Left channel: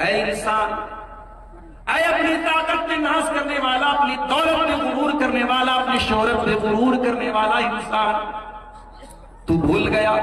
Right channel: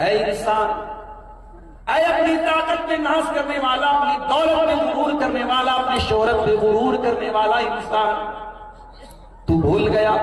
اے انسان، اے اپنی طاقت پہ ناز کرنے والا، اپنی دولت پہ غرور کرنے والا، اپنی شہرت پہ غرور کرنے والا انسان، تو بھول گیا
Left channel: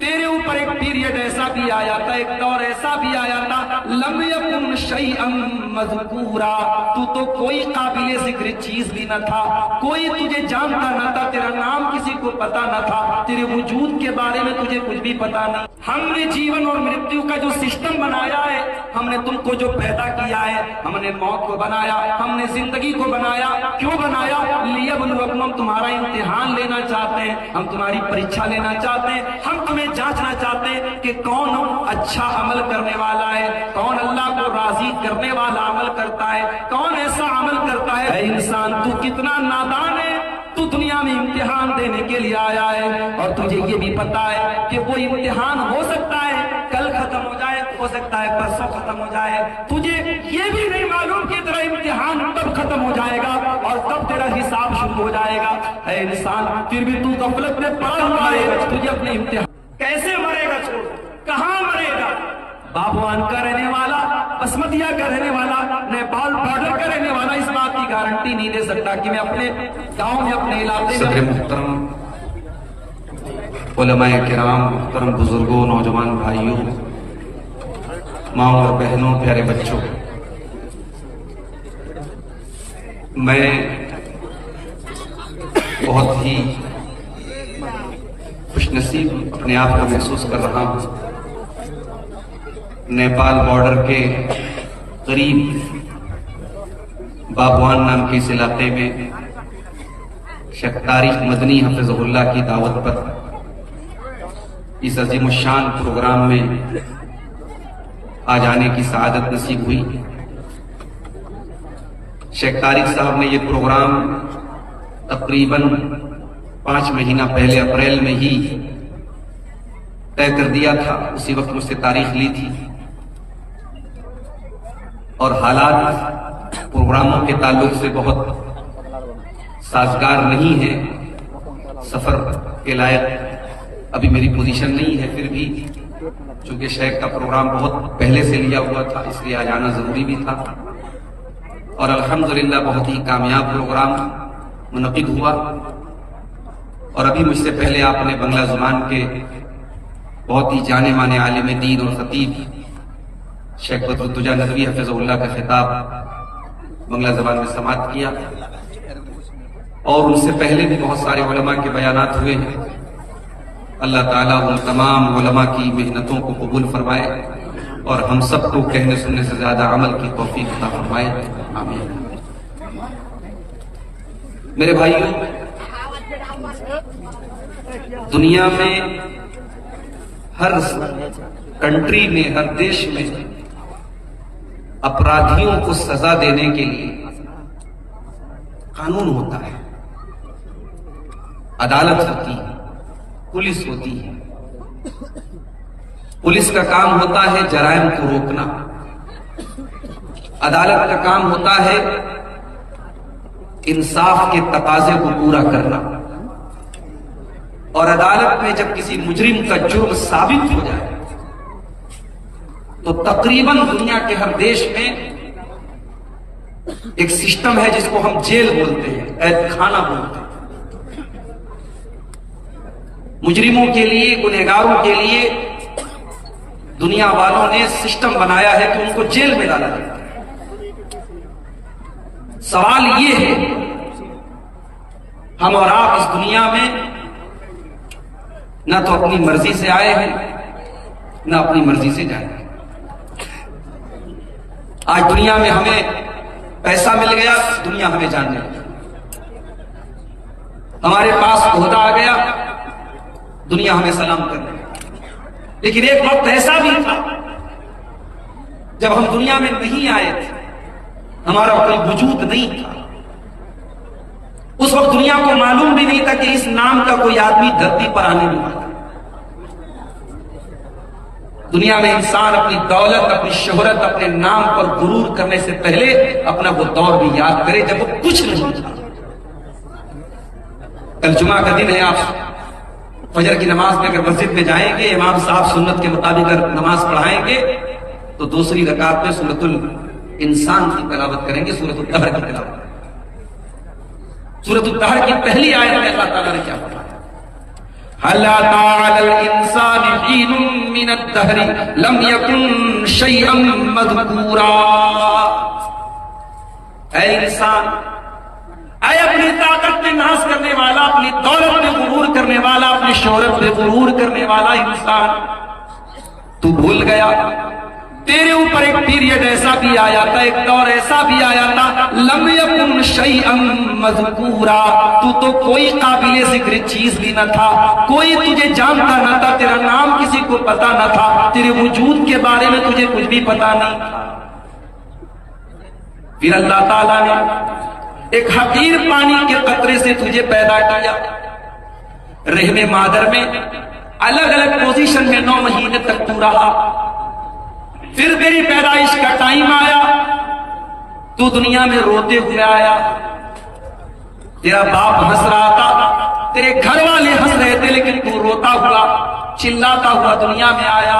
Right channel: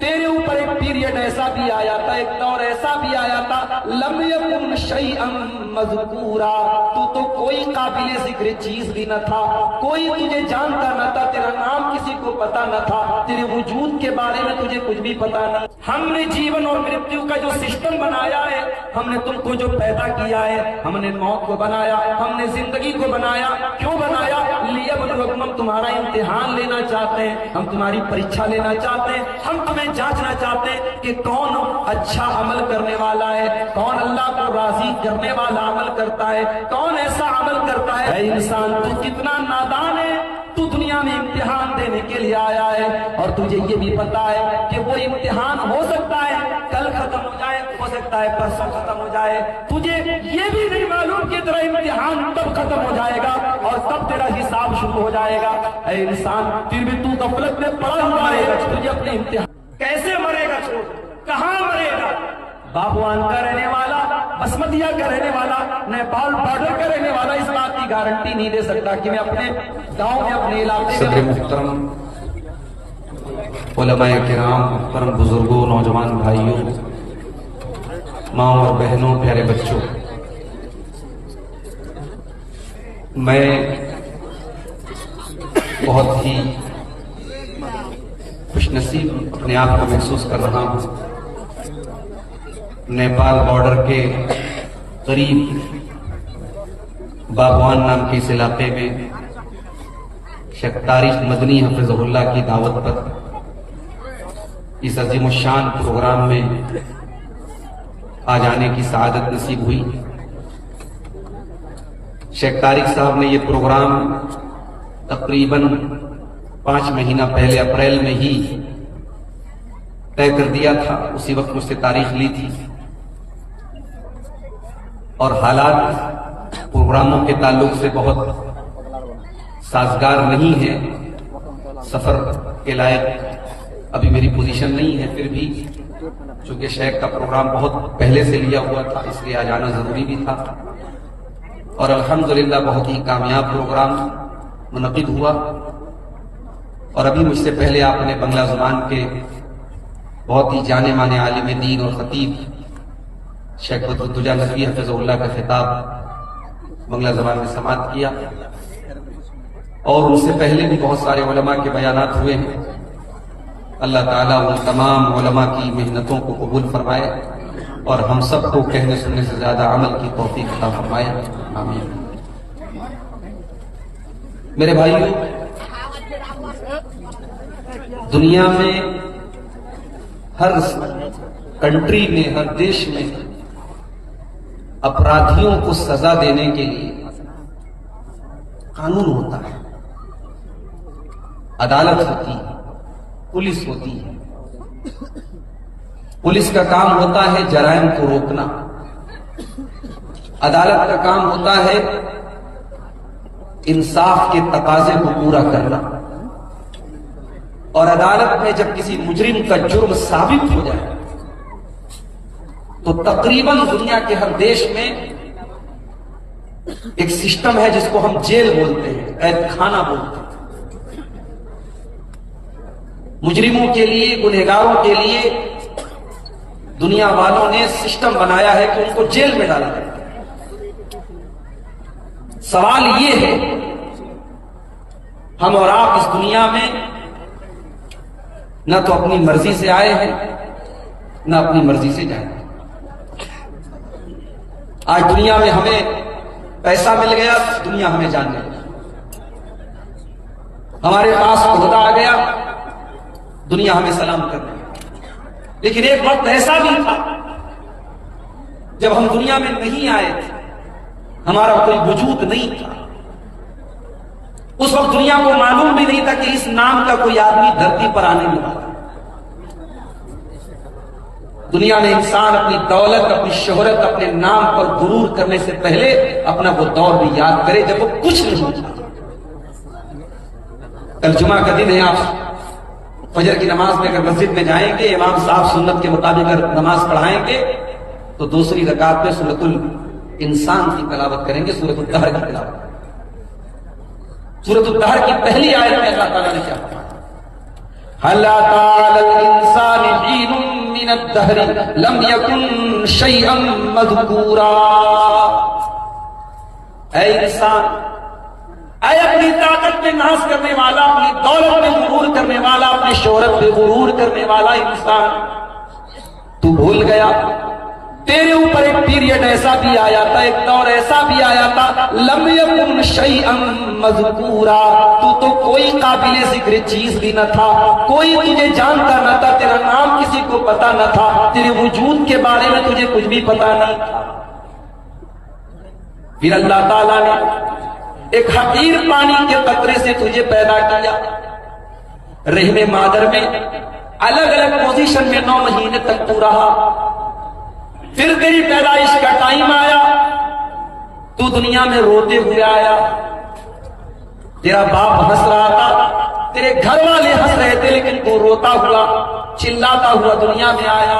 تیرے اوپر ایک پیریڈ ایسا بھی آیا تھا، ایک دور ایسا بھی آیا تھا، لم یکن شیئا مذکورا، تو کوئی قابل ذکر چیز بھی نہ تھا، کوئی تجھے جانتا نہ تھا، تیرا نام کسی کو پتا نہ تھا، تیرے وجود کے بارے میں تجھے کچھ بھی پتا نہیں۔ ہم نے جیون اور مرتیو کا جو سسٹم بنایا ہے، ہم نے تم کو جو پیدا کیا ہے، ہم نے موت کو بنایا، ہم نے زندگی کو بنایا، کیوں بنایا؟ لیبلوکم، ہم تمہارا امتحان لینا چاہتے ہیں، ہم تمہاری پریچھا لینا چاہتے ہیں، ہم تمہیں جانچنا چاہتے ہیں کہ کون اچھا عمل کرنے والا ہے، کون اللہ کو راضی کرنے والا عمل کرتا ہے، کون ایسا عمل کرتا ہے۔ اے انسان، تو کتنا نادان ہے، تو دنیا میں امتحان دینے کے لیے آیا ہے، اور تجھے یہ بھی پتا ہے کہ وہ امتحان ہو سکتا ہے کل ختم ہو جائے، ہو سکتا ہے پرسوں ختم ہو جائے، تجھے یہ بھی نہیں معلوم کہ تیرا امتحان تب ختم ہو جائے گا اور تب تیرا حساب شروع ہو جائے گا۔ اے انسان، پھر بھی تو غفلت میں پڑا ہوا رہے گا، تجھے اپنے امتحان کیسے مرے گا، چھوڑ کہاں مرے گا؟ باغوان کا رہنے والا، بسمتیا کا رہنے والا، نیپال بارڈر کا رہنے والا اس بات کی گارنٹی نہیں دے سکتا کہ میں اپنے گاؤں میں، اپنے علاقے میں۔ صدر محترم، علماء کرام، محترم بزرگوں، نوجوان بھائیوں، ماں اور بہنوں، پیارے بچوں، میں بہت ہی خوش نصیب اپنے آپ کو محسوس کر رہا ہوں۔ نیپال بارڈر کے قریب باغوان نام کے اس علاقے میں شیخ طارق مدنی حفظہ اللہ کی دعوت پر اس عظیم الشان پروگرام میں آ جانے کی سعادت نصیب ہوئی۔ شیخ طارق صاحب نے یہ پروگرام تقریباً 5 مہینہ پہلے اپریل میں ہی طے کر دیا تھا، اسی وقت مجھ سے تاریخ لی تھی، اور حالات پروگراموں کے تعلق سے بہت سازگار نہیں ہے، سفر کے لائق ابھی میری پوزیشن نہیں ہے، پھر بھی چونکہ شیخ کا پروگرام بہت پہلے سے لیا ہوا تھا، اس لیے آ جانا ضروری بھی تھا، اور الحمدللہ بہت ہی کامیاب پروگرام منعقد ہوا۔ اور ابھی مجھ سے پہلے آپ نے بنگلہ زبان کے بہت ہی جانے مانے عالم دین اور خطیب شیخ بدرالدجا نظوی حفظہ اللہ کا خطاب بنگلہ زبان میں سماعت کیا، اور ان سے پہلے بھی بہت سارے علماء کے بیانات ہوئے ہیں۔ اللہ تعالیٰ ان تمام علماء کی محنتوں کو قبول فرمائے اور ہم سب کو کہنے سننے سے زیادہ عمل کی توفیق عطا فرمائے، آمین۔ میرے بھائیوں، دنیا میں ہر کنٹری میں، ہر دیش میں اپرادھیوں کو سزا دینے کے لیے قانون ہوتا ہے، عدالت ہوتی ہے، پولیس ہوتی ہے۔ پولیس کا کام ہوتا ہے جرائم کو روکنا، عدالت کا کام ہوتا ہے انصاف کے تقاضے کو پورا کرنا، اور عدالت میں جب کسی مجرم کا جرم ثابت ہو جائے تو تقریباً دنیا کے ہر دیش میں ایک سسٹم ہے جس کو ہم جیل بولتے ہیں، قید خانہ بولتے ہیں۔ مجرموں کے لیے، گنہگاروں کے لیے دنیا والوں نے سسٹم بنایا ہے کہ ان کو جیل میں ڈالا جاتا ہے۔ سوال یہ ہے، ہم اور آپ اس دنیا میں نہ تو اپنی مرضی سے آئے ہیں، نہ اپنی مرضی سے جائیں گے۔ آج دنیا میں ہمیں پیسہ مل گیا، دنیا ہمیں جاننے لگی، ہمارے پاس عہدہ آ گیا، دنیا ہمیں سلام کرنے لگی۔ لیکن ایک وقت ایسا بھی تھا جب ہم دنیا میں نہیں آئے تھے، ہمارا کوئی وجود نہیں تھا، اس وقت دنیا کو معلوم بھی نہیں تھا کہ اس نام کا کوئی آدمی دھرتی پر آنے والا۔ دنیا میں انسان اپنی دولت، اپنی شہرت، اپنے نام پر غرور کرنے سے پہلے اپنا وہ دور بھی یاد کرے جب وہ کچھ نہیں تھا۔ کل جمعہ کا دن ہے، آپ فجر کی نماز میں اگر مسجد میں جائیں گے، امام صاحب سنت کے مطابق اگر نماز پڑھائیں گے تو دوسری رکعت میں سورۃ الانسان کی تلاوت کریں گے، سورۃ الدہر کی تلاوت. سورۃ الدہر کی پہلی آیت میں اللہ تعالیٰ نے کیا کہا؟ هل أتى على الإنسان حين من الدهر لم يكن شيئا مذكورا. اے انسان، اے اپنی طاقت پہ ناز کرنے والا، اپنی دولت پہ غرور کرنے والا، اپنی شہرت پہ غرور کرنے والا انسان، تو بھول گیا تیرے اوپر ایک پیریڈ ایسا بھی آیا تھا، ایک دور ایسا بھی آیا تھا، لم یکن شیئا مذکورا، تو کوئی قابل ذکر چیز بھی نہ تھا، کوئی تجھے جانتا نہ تھا، تیرا نام کسی کو پتا نہ تھا، تیرے وجود کے بارے میں تجھے کچھ بھی پتا نہیں. پھر اللہ تعالیٰ نے ایک حقیر پانی کے قطرے سے تجھے پیدا کیا، رحم مادر میں الگ الگ پوزیشن میں 9 مہینے تک تو رہا. پھر تیری پیدائش کا ٹائم آیا، تو دنیا میں روتے ہوئے آیا. تیرا باپ ہنس رہا تھا، تیرے گھر والے ہنس رہے تھے، لیکن تو روتا ہوا چلاتا ہوا دنیا میں آیا.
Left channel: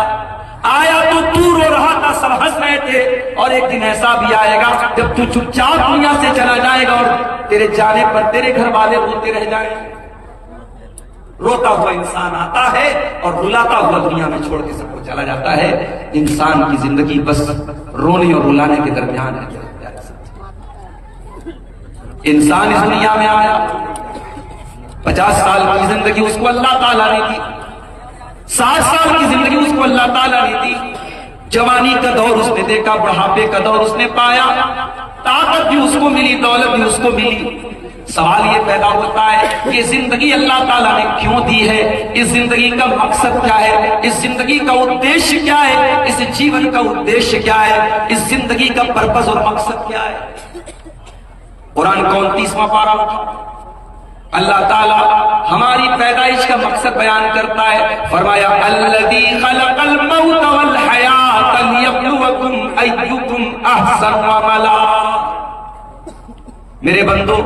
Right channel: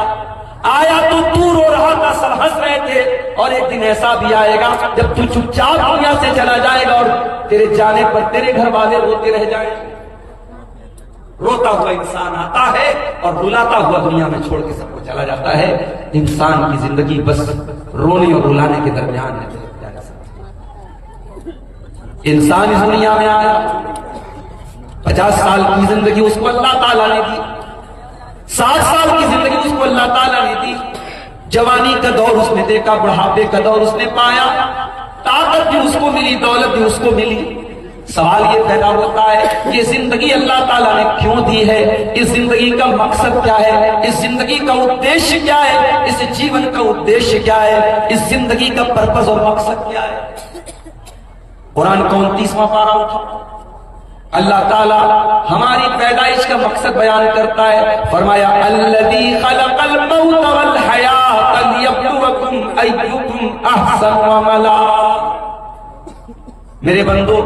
تو رو رہا تھا، سب ہنس رہے تھے. اور ایک دن ایسا بھی آئے گا جب تو چپ چاپ دنیا سے چلا جائے گا اور تیرے جانے پر تیرے گھر والے روتے رہ جائیں گے. روتا ہوا انسان آتا ہے اور رلاتا ہوا دنیا میں چھوڑ کے سب کو چلا جاتا ہے. انسان کی زندگی بس رونے اور رلانے کے درمیان ہے. انسان اس دنیا میں آیا، 50 سال کی زندگی اس کو اللہ تعالیٰ نے دی، 60 سال کی زندگی اس کو اللہ تعالیٰ نے دی. جوانی کا دور اس نے دیکھا، بڑھاپے کا دور اس نے پایا، طاقت بھی اس کو ملی، دولت بھی اس کو ملی. سوال یہ پیدا ہوتا ہے کہ زندگی اللہ تعالیٰ نے کیوں دی ہے؟ اس زندگی کا مقصد کیا ہے؟ اس زندگی کا ادیشیہ کیا ہے؟ اس جیون کا ادیشیہ کیا ہے؟ اس زندگی کا پرپس اور مقصد کیا ہے؟ قرآن کا 29واں پارہ اٹھا، اللہ تعالیٰ ہماری پیدائش کا مقصد بیان کرتا ہے. فرمایا الذی خلق الموت والحیات لیبلوکم ایکم احسن عملا. میرے بندو،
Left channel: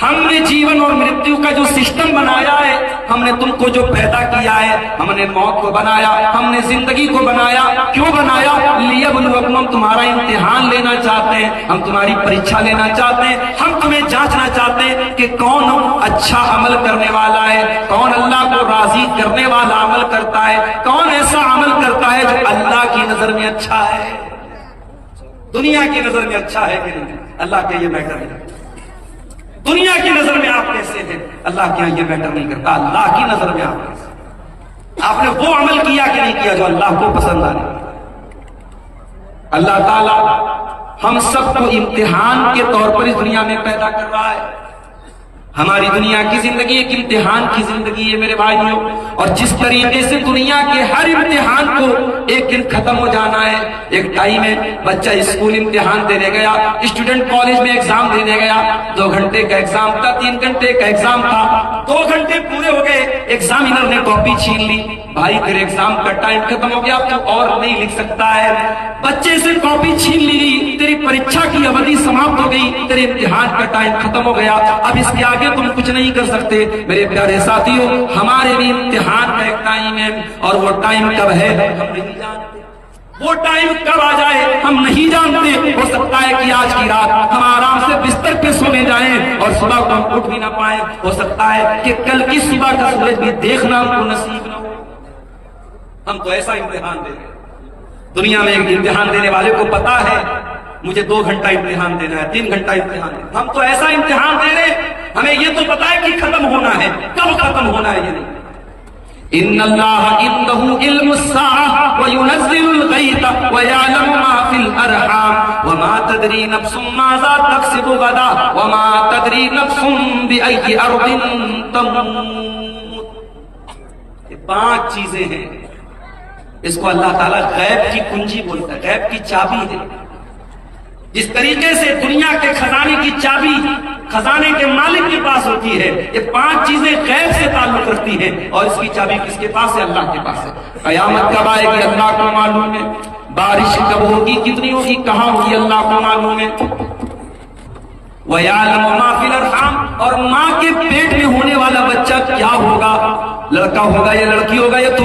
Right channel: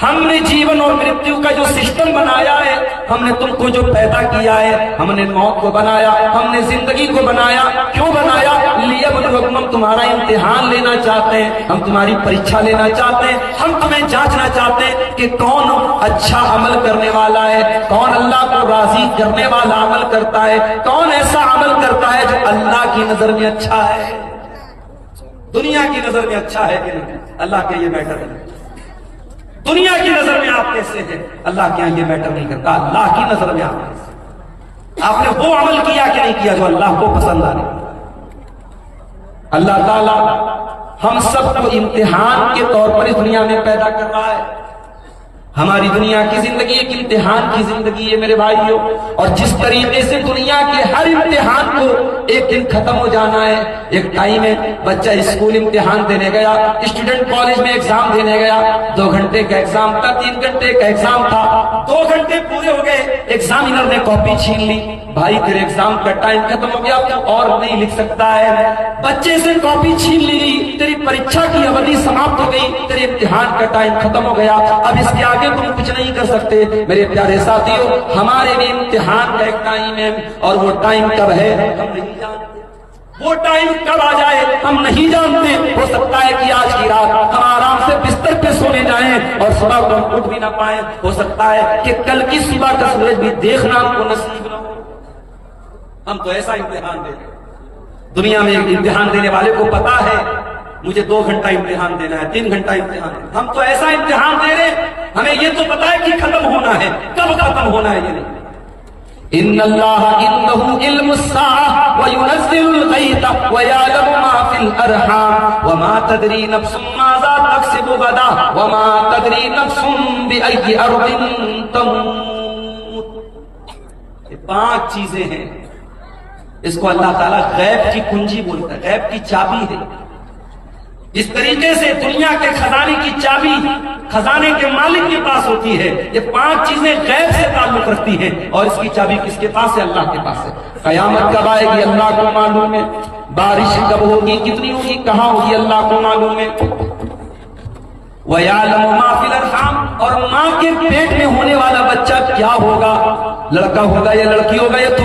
ہم نے جیون اور مرتیو کا جو سسٹم بنایا ہے، ہم نے تم کو جو پیدا کیا ہے، ہم نے موت کو بنایا، ہم نے زندگی کو بنایا. کیوں بنایا؟ لیبلوکم، ہم تمہارا امتحان لینا چاہتے ہیں، ہم تمہاری پریچھا لینا چاہتے ہیں، ہم تمہیں جانچنا چاہتے ہیں کہ کون اچھا عمل کرنے والا ہے، کون اللہ کو راضی کرنے والا عمل کرتا ہے، کون ایسا عمل کرتا ہے جو اللہ کی نظر میں اچھا ہے. دنیا کی نظر میں اچھا ہے کہ نہیں؟ اللہ کا یہ میٹر نہیں. دنیا کی نظر میں آپ کیسے ہیں؟ اللہ کے یہاں یہ میٹر نہیں کرتا. اللہ کی نظر میں آپ کیسے، آپ نے وہ عمل کیا کہ نہیں کیا جو اللہ کو پسند آ رہا. اللہ تعالیٰ ہم سب کو امتحان کے طور پر اس دنیا میں پیدا کر رہا ہے. ہماری دنیا کی زندگی ایک امتحان کی زندگی ہے میرے بھائیوں، اور جس طریقے سے دنیا کے ہر امتحان کو ایک دن ختم ہو جانا ہے. ایک ٹائم ہے، بچہ اسکول امتحان دینے گیا، اسٹوڈنٹ کالج میں ایگزام دینے گیا، 2 گھنٹے کا ایگزام تھا، 3 گھنٹے کا ایگزام تھا، 2 گھنٹے پورے ہو گئے، ایگزامینر نے کاپی چھین لی. بھائی تیرے ایگزام کا ٹائم ختم ہو گیا، تو اور نہیں لکھ سکتا ہے. بچے سے کاپی چھین لی، تیری پریچھا کی اوردی سماپت ہو گئی، تیرے امتحان کا ٹائم ختم ہو گیا، اب اس کے آگے تم کچھ نہیں کر سکتے. میرے پیارے ساتھیوں، ہمارے بھی امتحان کا ایک ٹائم ہے، اور وہ ٹائم کب ہے ہم نہیں جانتے. وہ ٹائم کب آ جائے ہم نہیں جانتے. ہو سکتا ہے کہ آج کی رات ہم آرام سے بستر پہ سونے جائیں اور صبح کو ہم اٹھ بھی نہ پائیں. ہو سکتا ہے کہ کل کی صبح کا سورج بھی دیکھنا ہم کو نصیب نہ ہو. ہم تو ایسا امتحان دے رہے ہیں. دنیا میں ایک امتحان دینے والے کو پتا ہے مجھے 2 گھنٹہ امتحان دینا ہے، 3 گھنٹہ امتحان دینا ہے. ہم تو ایسا امتحان دے رہے ہیں، ہمیں یہ تو پتا ہے کہ ختم ہونا ہے، کب ختم ہونا ہے یہ نہیں. ان اللہ عنده علم الساعة وينزل الغيث ويعلم ما في الارحام وما تدري نفس ماذا تكسب غدا وما تدري نفس بأي ارض تموت. یہ 5 چیزیں ہیں، اس کو اللہ تعالیٰ غیب کی کنجی بولتا ہے، غیب کی چابی ہے. جس طریقے سے دنیا کے خزانے کی چابی خزانے کے مالک کے پاس ہوتی ہے، یہ 5 چیزیں غیب سے تعلق رکھتی ہیں، اور اس کی چابی کس کے پاس ہے؟ اللہ کے پاس ہے. قیامت کب آئے گی اللہ کو معلوم ہے، بارش کب ہوگی، کتنی ہوگی، کہاں ہوگی، اللہ کو معلوم ہے. وَيَعْلَمُ مَا فِي الْأَرْحَامِ، اور ماں کے پیٹ میں ہونے والا بچہ کیا ہوگا، لڑکا ہوگا یا لڑکی ہوگا، یا تو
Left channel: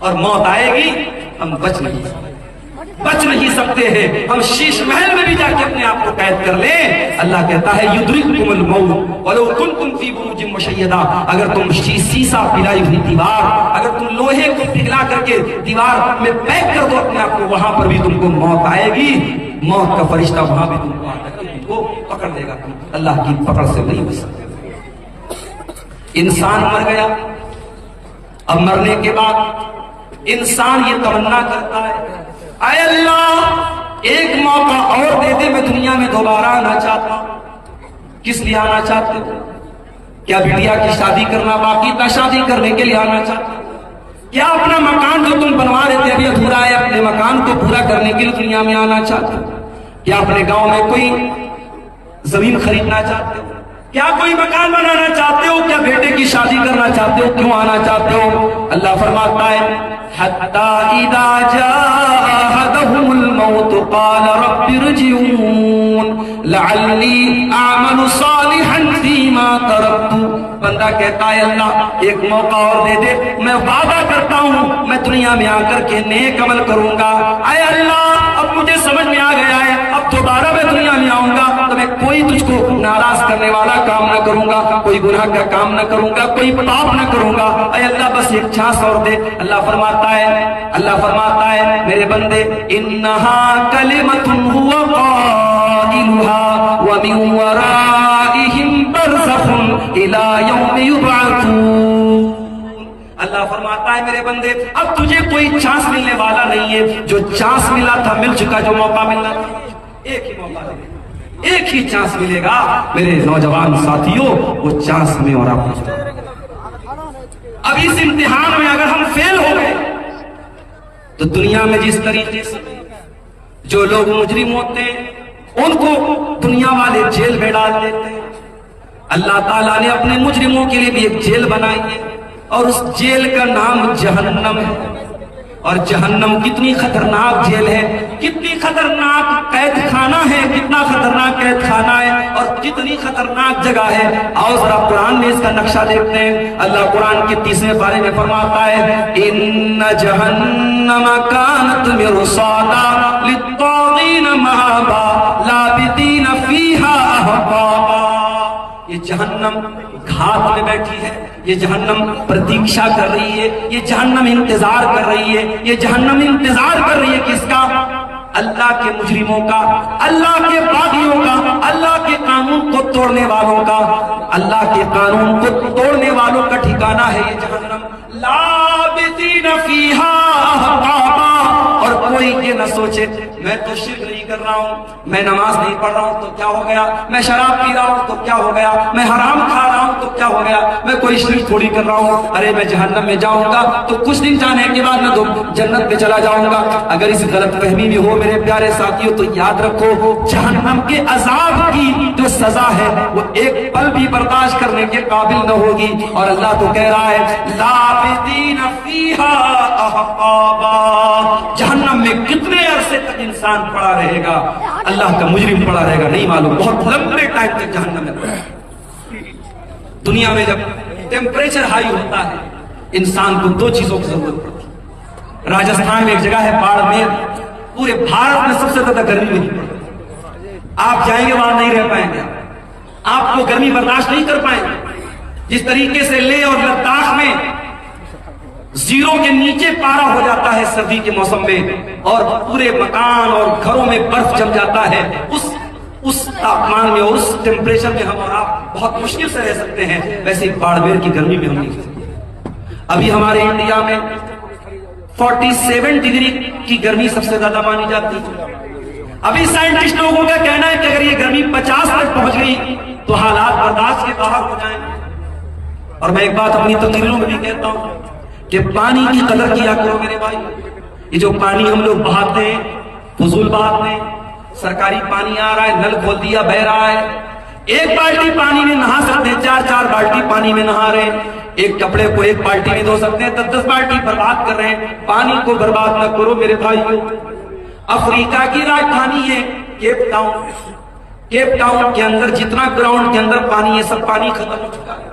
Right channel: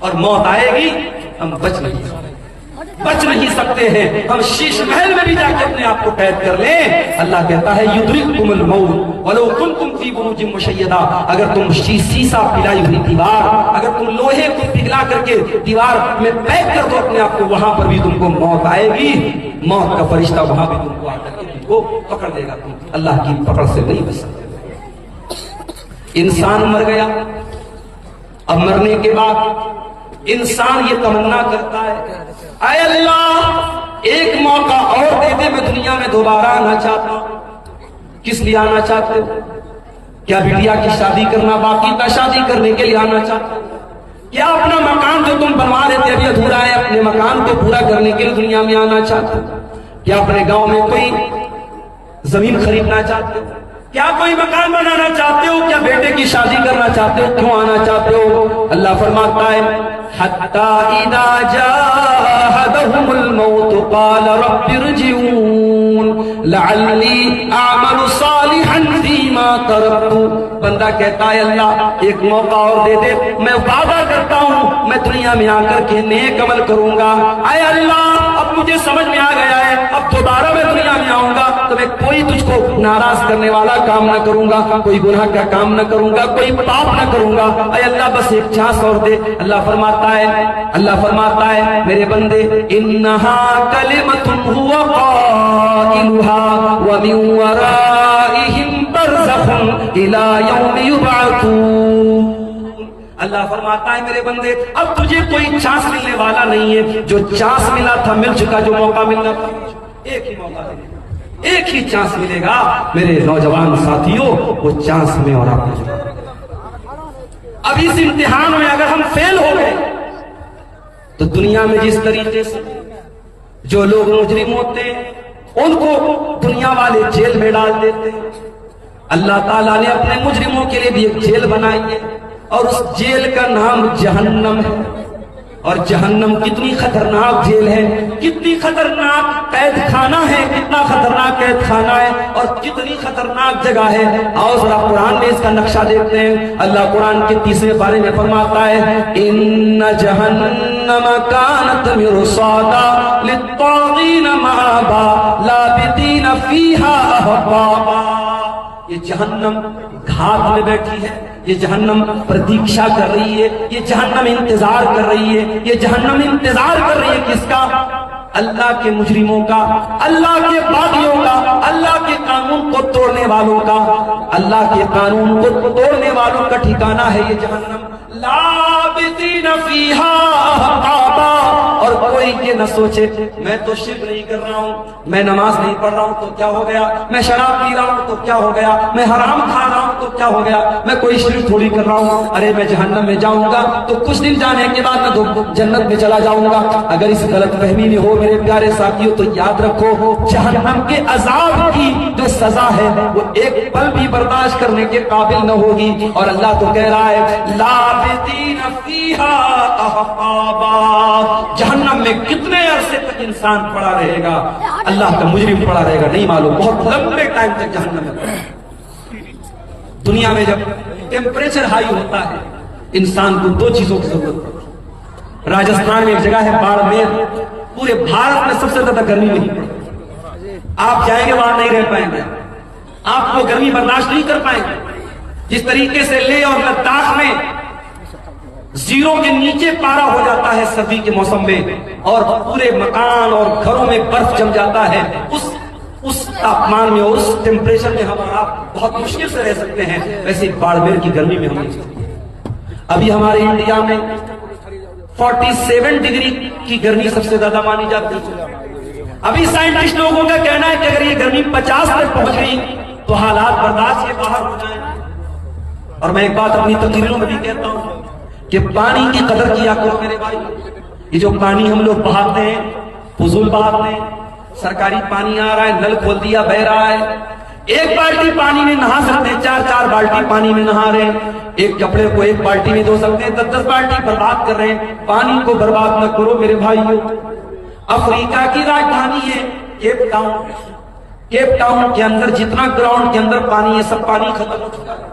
اور موت آئے گی ہم بچ نہیں سکتے ہیں. ہم شیش محل میں بھی جا کے اپنے آپ کو قید کر لیں. اللہ کہتا ہے یدرککم الموت ولو کنتم فی بروج مشیدہ. اگر تم سیسا پلائی ہوئی دیوار، اگر تم لوہے کو پگھلا کر کے دیوار میں پیک کر دو اپنے آپ کو، وہاں پر بھی تم کو موت آئے گی. موت کا فرشتہ وہاں بھی تم کو آ کر کے تم کو پکڑ لے گا. اللہ کی پکڑ سے نہیں بچ سکتے. انسان مر گیا، اب مرنے کے بعد انسان یہ تمنا کرتا ہے اے اللہ ایک موقع اور دے دے، میں دنیا میں دوبارہ آنا چاہتا ہوں. کس لیے آنا چاہتے ہو؟ کیا بیٹیا کی شادی کرنا باقی تھا؟ شادی کرنے کے لیے آنا چاہتے ہو؟ کیا اپنا مکان جو تم بنوا رہے تھے ابھی ادھورا ہے، اپنے مکان کو پورا کرنے کے لیے دنیا میں آنا چاہتے ہو؟ کیا اپنے گاؤں میں کوئی زمین خریدنا چاہتے ہو؟ کیا کوئی مکان بنانا چاہتے ہو؟ کیا بیٹے کی شادی کرنا چاہتے ہو؟ کیوں آنا چاہتے ہو؟ اللہ فرماتا ہے حتی اذا جاءہدہم الموت قال رب ارجعون لعلی اعمل صالحا فیما ترکت. بندہ کہتا ہے اللہ ایک موقع اور دے دے، میں وعدہ کرتا ہوں میں دنیا میں آ کر کے نیک عمل کروں گا. اے اللہ اب مجھے سمجھ میں آ گیا ہے، اب دوبارہ میں دنیا میں آؤں گا تو میں کوئی تجھ کو ناراض کرنے والا کام نہ کروں گا، کوئی گناہ کا کام نہ کروں گا، کوئی پاپ نہ کروں گا. اے اللہ بس ایک چانس اور دے. اللہ فرماتا ہے میرے بندے انہا کلمۃ هو قائلها ومن ورائہم برزخ الی یوم یبعثون. اللہ فرماتا ہے میرے بندے اب تجھے کوئی چانس ملنے والا نہیں ہے. جو چانس ملا تھا مل چکا، جو موقع ملنا تھا ایک ہی موقع ملے گا، ایک ہی چانس ملے گا. میرے نوجوان ساتھیوں وہ چانس میں اور آپ اب اس امتحان میں اگر ہم فیل ہو گئے تو دنیا میں جس طریقے سے جو لوگ مجرم ہوتے ہیں ان کو دنیا والے جیل میں ڈال دیتے ہیں، اللہ تعالیٰ نے اپنے مجرموں کے لیے بھی ایک جیل بنائی ہے اور اس جیل کا نام جہنم ہے. اور جہنم کتنی خطرناک جیل ہے، کتنی خطرناک قید خانہ ہے، کتنا خطرناک قید خانہ ہے اور کتنی خطرناک جگہ ہے. اور ذرا قرآن میں اس کا نقشہ دیکھتے ہیں. اللہ قرآن کے 30ویں پارے میں فرماتا ہے ان جہنم کانت مرصادا للطاغین مآبا لابثین فیہا احقابا. یہ جہنم گھات میں بیٹھی ہے، یہ جہنم پردیکشا کر رہی ہے، یہ جہنم انتظار کر رہی ہے. یہ جہنم انتظار کر رہی ہے کس کا؟ اللہ کے مجرموں کا، اللہ کے باغیوں کا، اللہ کے قانون کو توڑنے والوں کا. اللہ کے قانون کو توڑنے والوں کا ٹھکانہ ہے یہ جہنم. لابثین فیہا احقابا. اور کوئی یہ نہ سوچے میں تو شرک نہیں کر رہا ہوں، میں نماز نہیں پڑھ رہا ہوں تو کیا ہو گیا، میں شراب پی رہا ہوں تو کیا ہو گیا، میں حرام کھا رہا ہوں تو کیا ہو گیا، میں کوئی شرک تھوڑی کر رہا ہوں. ارے میں جہنم میں جاؤں گا تو کچھ دن جانے کے بعد میں تو جنت میں چلا جاؤں گا. اگر اس غلط فہمی میں ہو میرے پیارے ساتھیوں تو یاد رکھو جہنم کے عذاب کی جو سزا ہے وہ ایک پل بھی برداشت کرنے کے قابل نہ ہوگی. اور اللہ تو کہہ رہا ہے لابثین فیہا احقابا. جہنم میں کتنے عرصے تک انسان پڑا رہے گا، اللہ کا مجرم پڑا رہے گا نہیں معلوم. بہت لمبے ٹائم تک جہنم میں. دنیا میں جب ٹیمپریچر ہائی ہوتا ہے انسان کو دو چیزوں کی ضرورت ہے. راجستھان میں ایک جگہ ہے باڑمیر، پورے بھارت میں سب سے زیادہ گرمی نہیں. آپ جائیں گے وہاں نہیں رہ پائیں گے، آپ کو گرمی برداشت نہیں کر پائیں گے. جس طریقے سے لیہ اور لداخ میں 0 کے نیچے پارا ہو جاتا ہے سردی کے موسم میں اور پورے مکان اور گھروں میں برف جم جاتا ہے، اس تاپمان میں اور اس ٹیمپریچر میں ہم آپ بہت مشکل سے رہ سکتے ہیں، ویسے باڑمیر کی گرمی میں ہم نہیں سکتے. ابھی ہمارے انڈیا میں 47 ڈگری کی گرمی سب سے زیادہ مانی جاتی ہے. ابھی سائنٹسٹ لوگوں کا کہنا ہے کہ اگر یہ گرمی 50 تک پہنچ گئی تو حالات برداشت کے باہر ہو جائیں. اور میں ایک بات اپنی تقریروں میں بھی کہتا ہوں کہ پانی کی قدر کیا کرو میرے بھائی. یہ جو پانی ہم لوگ بہاتے ہیں فضول بہاتے ہیں، سرکاری پانی آ رہا ہے، نل کھول دیا بہ رہا ہے، ایک بالٹی پانی میں نہا سکتے ہیں، 4 بالٹی پانی میں نہا رہے ہیں. ایک کپڑے کو ایک بالٹی میں دھو سکتے ہیں، 10 بالٹی برباد کر رہے ہیں. پانی کو برباد نہ کرو میرے بھائیوں. افریقہ کی راجدھانی ہے کیپ ٹاؤن. کیپ ٹاؤن کے اندر جتنا گراؤنڈ کے اندر پانی ہے سب پانی ختم ہو چکا ہے.